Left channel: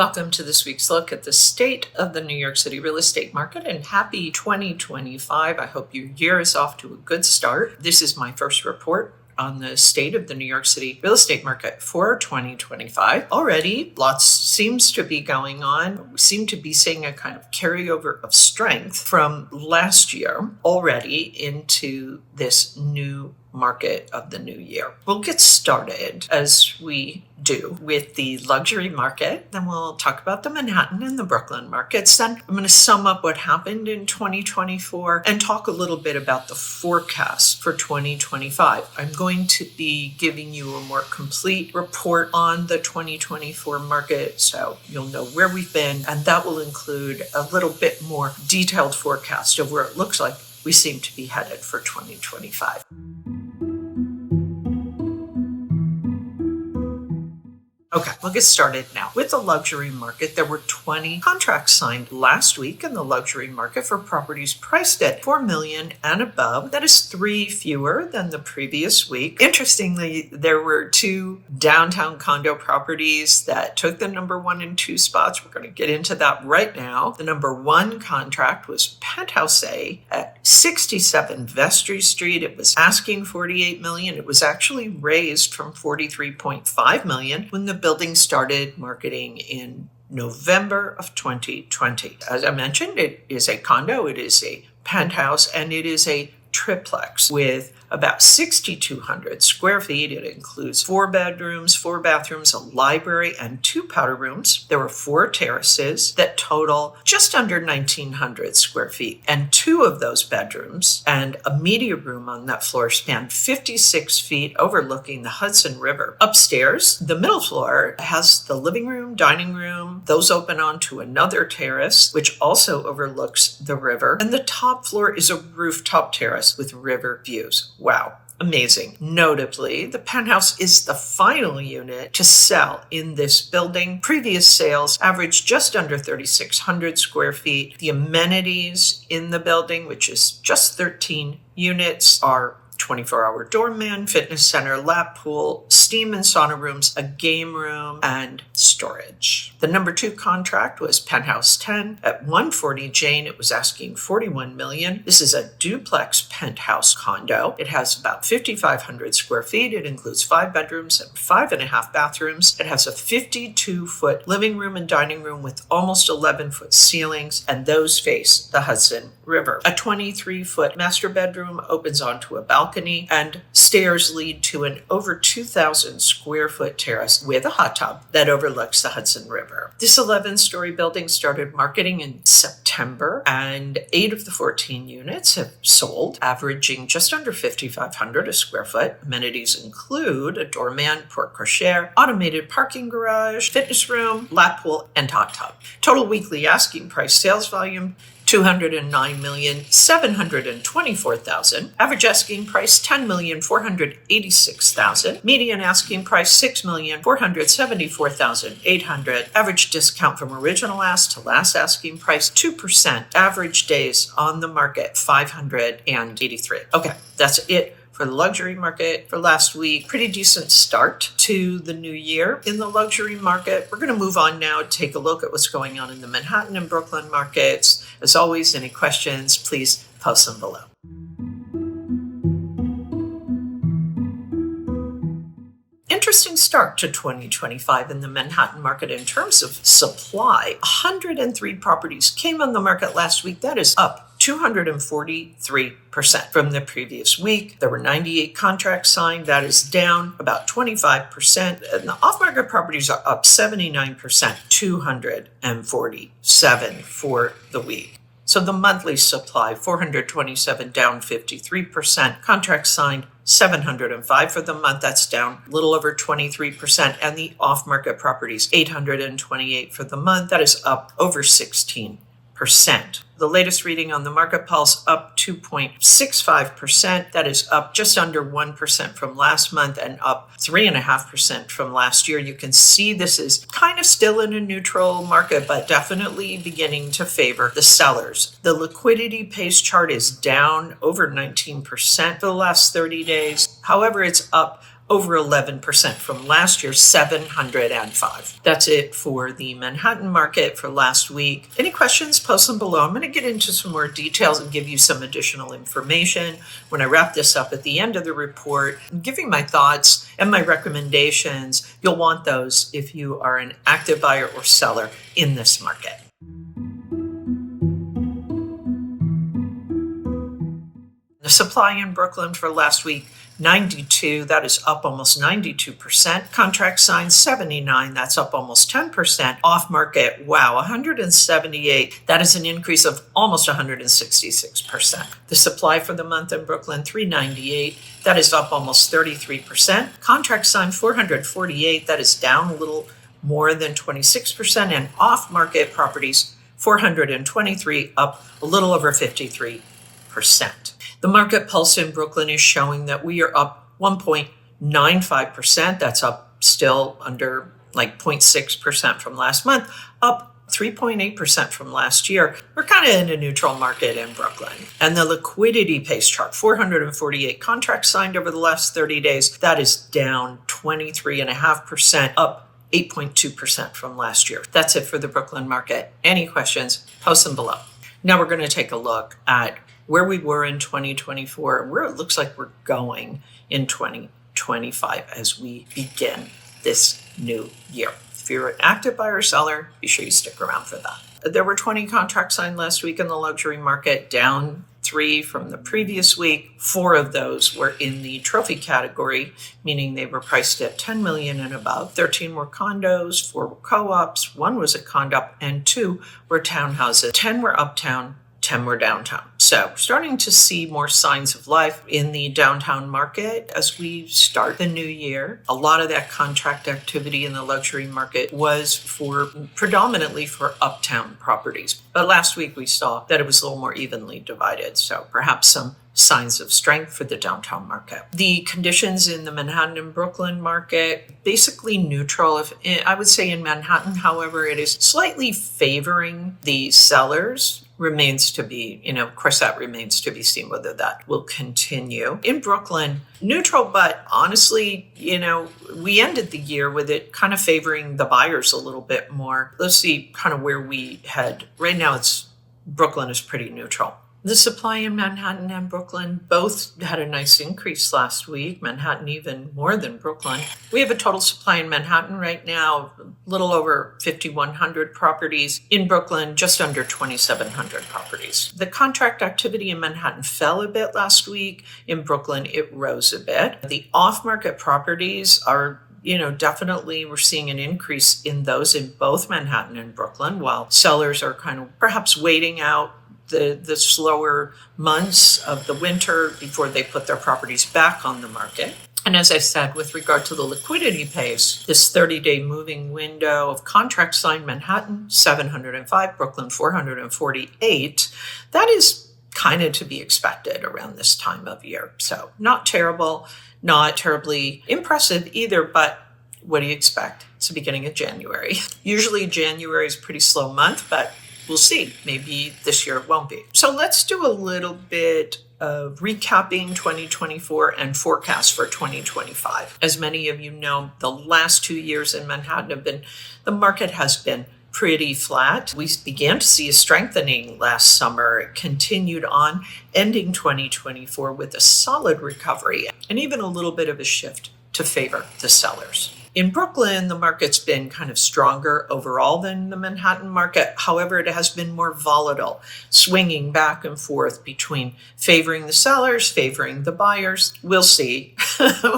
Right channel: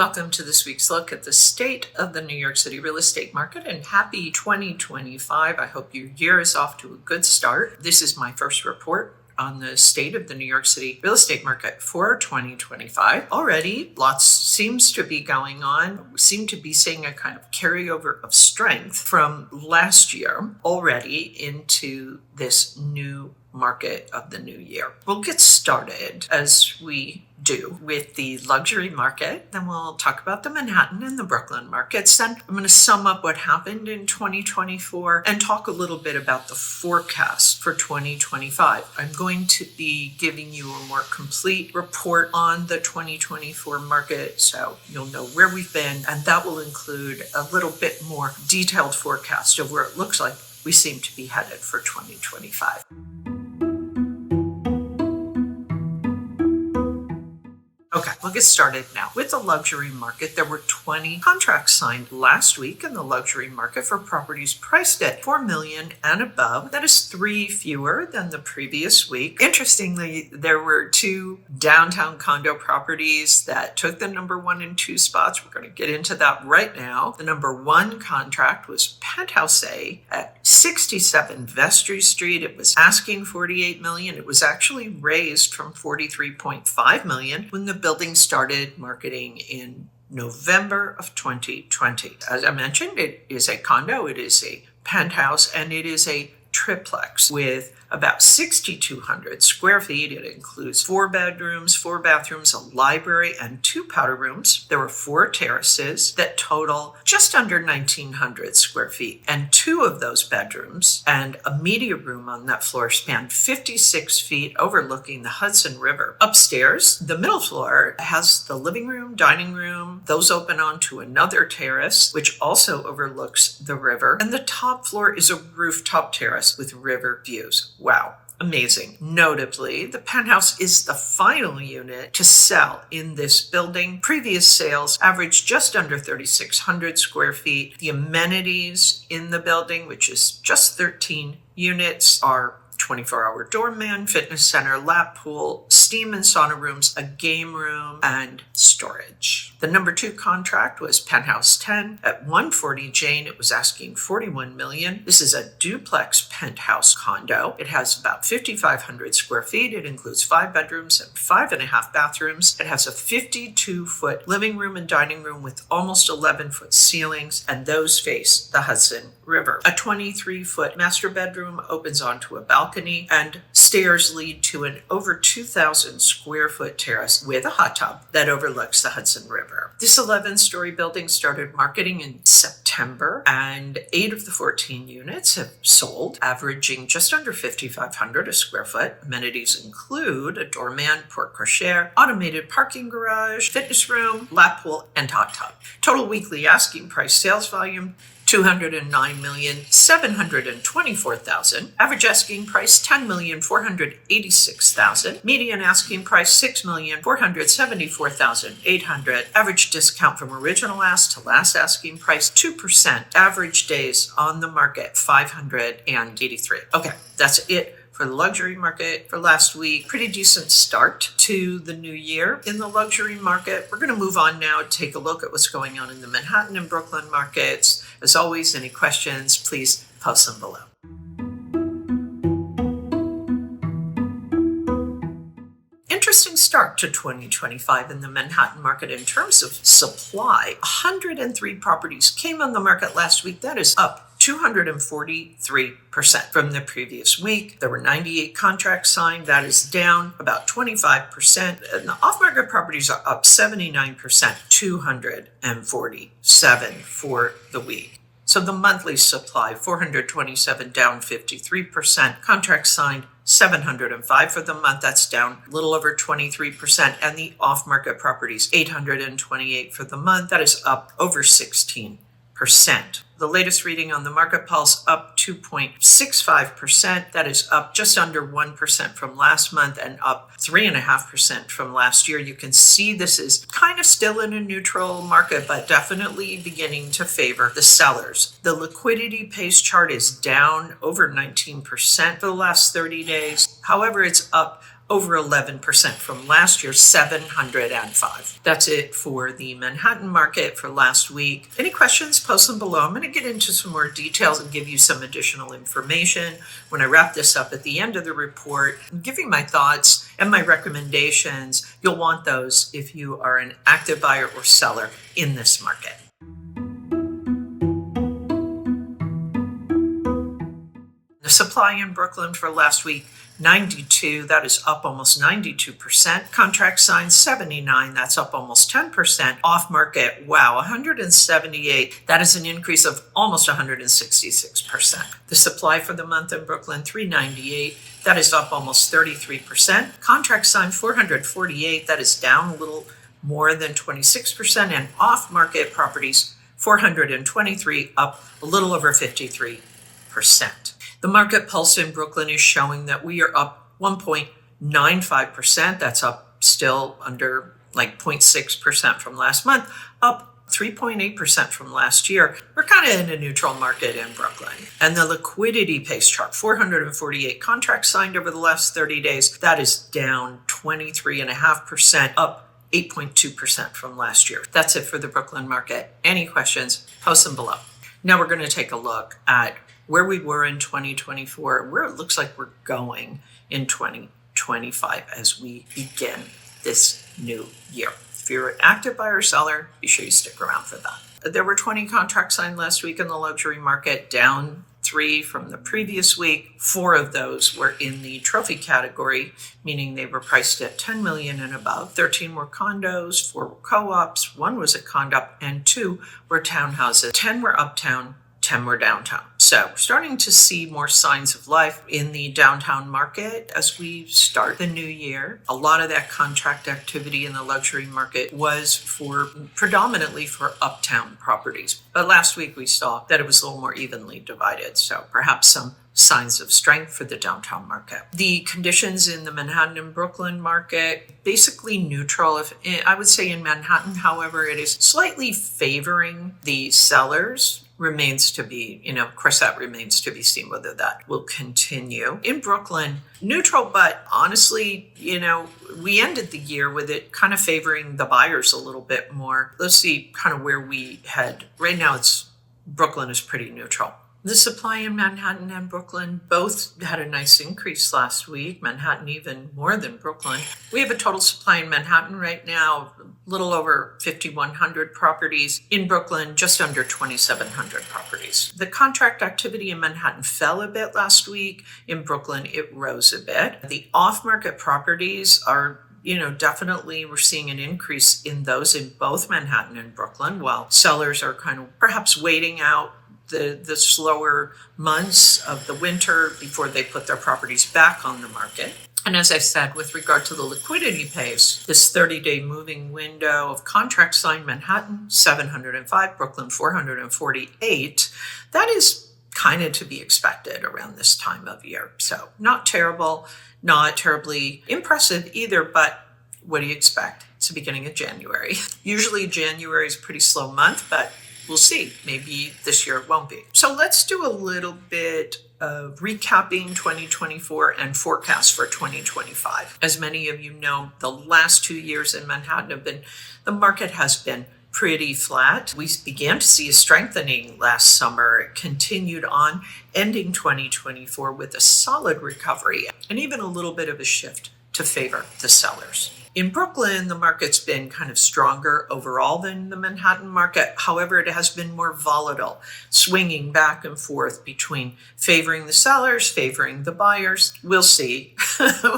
Welcome to this week's look at the state of the New York City real estate market, and happy 2025. I hope your year is off to a good start. This is my first report on the state of the New York City real estate market for 2025. Already, lots seems to be going on. We seem to be seeing a kind of carryover of strength from last year already into this new market of the new year. We'll get started, as we do, with the luxury market. Then we'll talk about the Manhattan and the Brooklyn markets. Then I'm going to sum up what happened in 2024 and talk a little bit about the forecast for 2025. I'm going to be giving you a more complete report on the 2024 market, so you'll know where we've been, and that will include a little bit more detailed forecast of where it looks like we seem to be headed for 2025. Okay, we'll get started now. With the luxury market, there were 20 contracts signed last week in the luxury market for properties priced at $4 million and above. That is 3 fewer than the previous week. Interestingly, there were 2 downtown condo properties that took the number 1 and 2 spots. We're going to get into that right now. The number 1 contract was Penthouse A at 67 Vestry Street. It was asking $48 million. It was actually raised from $43.5 million when the building started marketing in November of 2020. As I mentioned, it is a condo, it is a penthouse, and it is a triplex with about 6,200 square feet. It includes 4 bedrooms, 4 bathrooms, a library, and 2 powder rooms. There were 4 terraces that total just under 1,900 square feet. And 2 of those bedrooms and a media room on that floor span 56 feet overlooking the Hudson River. Upstairs, the middle floor has the living room, dining room. Those open onto another terrace, which also overlooks the river. And the top floor is a rooftop terrace with river views. Wow. Amazing. Notably, the penthouse is the final unit to sell in this building. Previous sales averaged just under 3,600 square feet. The amenities in the building, which is just 13 units, are 24-hour doorman, fitness center, lap pool, steam and sauna rooms, a game room, and storage. The number 2 contract was Penthouse 10 at 140 Jane. It was asking $41 million. This is a duplex penthouse condo. It has about 5,500 square feet. It includes 5 bedrooms and 5.5 bathrooms. It has a 52-foot living room and dining room with almost 11-foot ceilings, and those face the Hudson River. A 23-foot master bedroom opens onto a balcony, and stairs lead to an over 2,000 square foot terrace with a hot tub that overlooks the Hudson River. This 11-story building started marketing in September, and 8 of the 14 units have sold, averaging just under $5,500 a square foot. Amenities include a doorman, porte cochere, automated parking garage, fitness room, lap pool, and hot tub. Total weekly asking price sales volume, $209,724,000. Average asking price, $10,486,000. Median asking price, $6,474,800. Average discount from original ask to last asking price, 2%. Average days on the market, 583. Okay, that's it for the luxury market for last week. Pretty decent start to the new year in the luxury market. We're going to move on now, take a look at what's going on in the Manhattan and Brooklyn markets. As always, any questions, please post them below. Interesting start to 2025 in the Manhattan market in terms of supply. 103 properties came on the market last week. That is up 243% from the previous week. There were 98 contracts signed. That is down about 25%. And the off-market properties are up 79%, 247 for the week. So the monthly supply, 427, down 53%. Contracts signed, 705 for the month. That's down a little over 23%. And the off-market properties, 828 for the month. That is up over 16%. The latest reading on the Market Pulse up 2.65%. That is up just under 1% from last month and up 3.5% from last year. You can see this is kind of still in a neutral market, but definitely beginning to favor the sellers. The liquidity pace chart is down over 19% for the last 30 days. However, it's up over 11% from last year, 705. That's it for the Manhattan market for last week. Any questions, post them below. I'm going to get into some more details and give you some additional information when I wrap this up at the end of the report. I'm giving my thoughts and my recommendations. You'll want those if you are an active buyer or seller in this market. The supply in Brooklyn for last week, 92, that is up almost 92%. Contract signed 79, that's up almost 10%. Off market, wow, 178, that is an increase of almost 166%. The supply for the month in Brooklyn, 398, that is up almost 33%. Contract signed 448, that is down a little more than 26%. And off market properties, 423, up a little over 53%. The market pulse in Brooklyn is showing that we are up 1.95%. That's up still under like 0.6% from last month, up 3.8% from last year. We're kind of in a neutral market in Brooklyn. And the liquidity pace chart, 448 contracts signed over the last 30 days. That is down 23.5%, up 8.2% from last year. That's it for the Brooklyn market. Any questions, post them below. Now we're going to take a look at where we were in 2024, where it looks like we're going in 2025 as we begin this new year. If you're an active buyer or seller, be sure you stick around for that. There were 20 contracts signed last week in the luxury market, down 3 from the previous week. 4 of those were in the trophy category, meaning they were priced at $10 million and above. 13 were condos, 4 were co-ops, 1 was a condop, and 2 were townhouses. 10 were uptown, 10 were downtown. So starting to see more signs of life in the downtown market as we start the new year. A lot of that contract activity in the luxury market was predominantly for uptown properties. But last week we saw that it was a little more evenly divided. So perhaps some signs of strength for the downtown market. The conditions in the Manhattan and Brooklyn market, basically neutral. I would say in Manhattan, however, it is slightly favoring the sellers. Remains to be, of course, that remains to be seen whether that will continue. In Brooklyn, neutral, but honestly, we ended the year with it kind of favoring the buyers a little bit more. Let's see kind of where we head. Right now, Brooklyn is pretty neutral. The supply in Manhattan and Brooklyn both had a nice increase last week. Manhattan even more than Brooklyn. We have a total supply in Manhattan right now, a little over 5,100 properties. In Brooklyn, just under 2,700 properties. The contract activity in Manhattan fell a bit last week. In Brooklyn, it rose a bit. The off-market properties are definitely we're seeing an increase in those in both Manhattan and Brooklyn, while sellers are kind of perhaps waiting out the slower months of the winter before they put their properties back on the market. And as I said, with regard to the liquidity pace, this 30-day moving window of contracts signed Manhattan, 705, Brooklyn, 448, that is kind of to be expected around this time of year. So not terrible, not terribly impressive either, but what do you expect? It's the beginning of January. Usually January is a pretty slow month, but we'll see. Maybe this year it won't be. So let's do a little bit of recapping 2024 and forecast for 2025. As many of you know, the last 2 years in Manhattan the market has been pretty flat. We began to see a strengthening last summer. It continued on, ending 2024 with a solid recovery and even a little bit of a shift to favor the sellers. In Brooklyn, the market's been kind of stronger overall than the Manhattan market. However, it has been more volatile, swinging back and forth between favoring the sellers, favoring the buyers. We'll see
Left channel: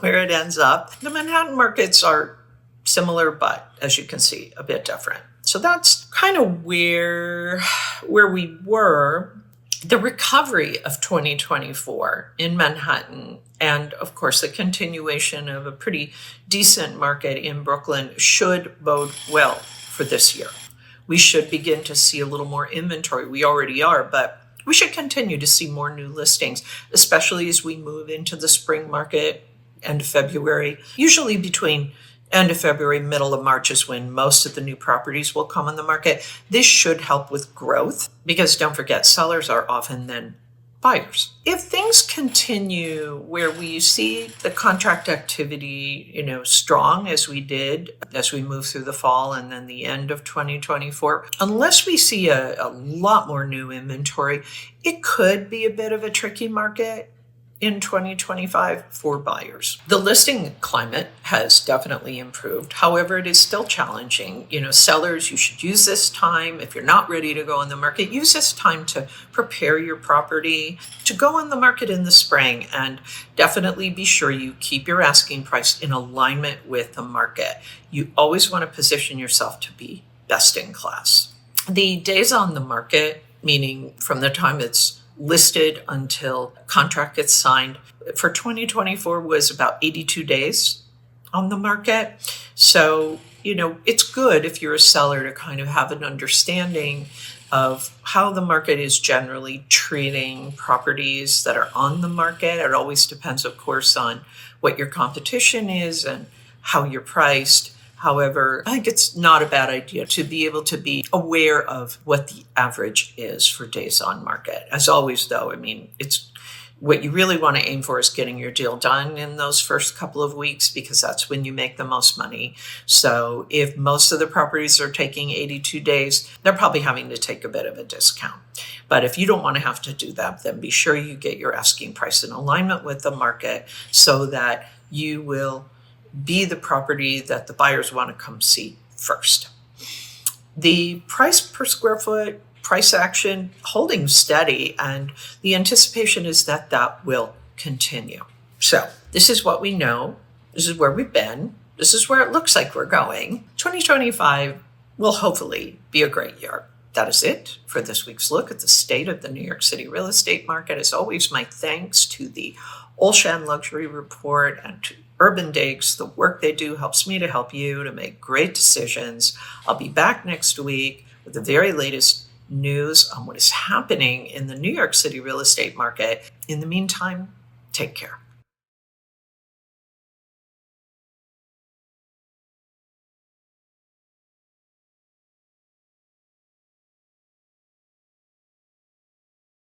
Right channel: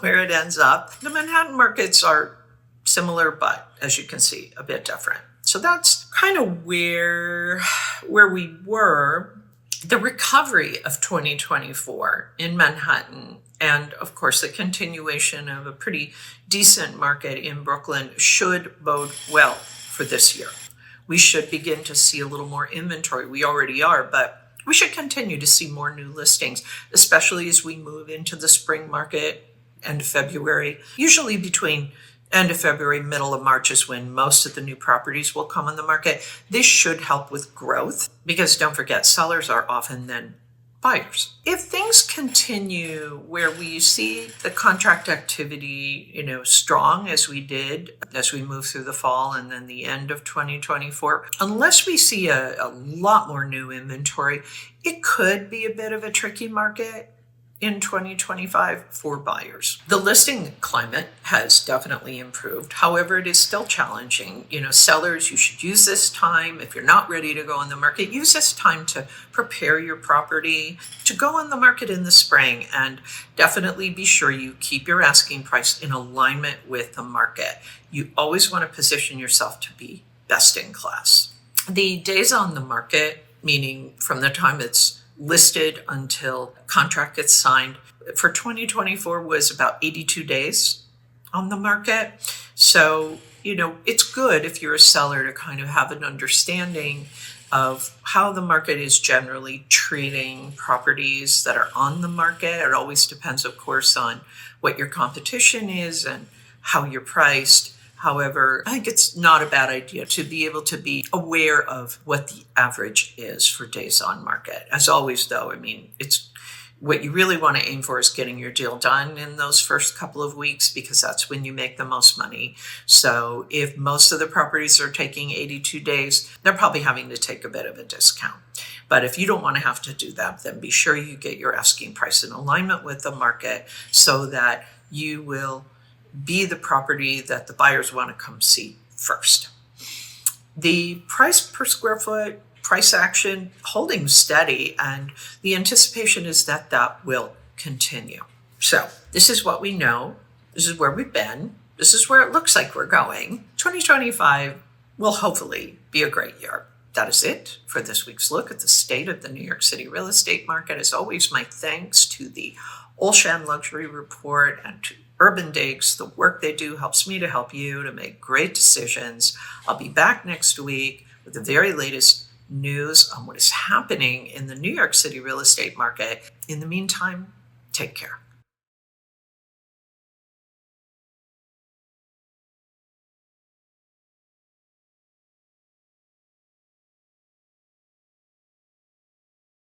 where it ends up. The Manhattan markets are similar, but as you can see, a bit different. So that's kind of where we were. The recovery of 2024 in Manhattan and, of course, the continuation of a pretty decent market in Brooklyn should bode well for this year. We should begin to see a little more inventory. We already are, but we should continue to see more new listings, especially as we move into the spring market, end of February. Usually between end of February, middle of March is when most of the new properties will come on the market. This should help with growth because don't forget, sellers are often then buyers. If things continue where we see the contract activity, strong as we did as we move through the fall and then the end of 2024, unless we see a lot more new inventory, it could be a bit of a tricky market in 2025 for buyers. The listing climate has definitely improved. However, it is still challenging. Sellers, you should use this time. If you're not ready to go on the market, use this time to prepare your property to go on the market in the spring, and definitely be sure you keep your asking price in alignment with the market. You always want to position yourself to be best in class. The days on the market, meaning from the time it's listed until contract gets signed, for 2024 was about 82 days on the market. So, it's good if you're a seller to kind of have an understanding of how the market is generally treating properties that are on the market. It always depends, of course, on what your competition is and how you're priced. However, I think it's not a bad idea to be able to be aware of what the average is for days on market. As always, though, it's what you really want to aim for is getting your deal done in those first couple of weeks, because that's when you make the most money. So if most of the properties are taking 82 days, they're probably having to take a bit of a discount. But if you don't want to have to do that, then be sure you get your asking price in alignment with the market so that you will be the property that the buyers want to come see first. The price per square foot, price action holding steady, and the anticipation is that that will continue. So this is what we know. This is where we've been. This is where it looks like we're going. 2025 will hopefully be a great year. That is it for this week's look at the state of the New York City real estate market. As always, my thanks to the Olshan Luxury Report and to Urban Digs. The work they do helps me to help you to make great decisions. I'll be back next week with the very latest news on what is happening in the New York City real estate market. In the meantime, take care.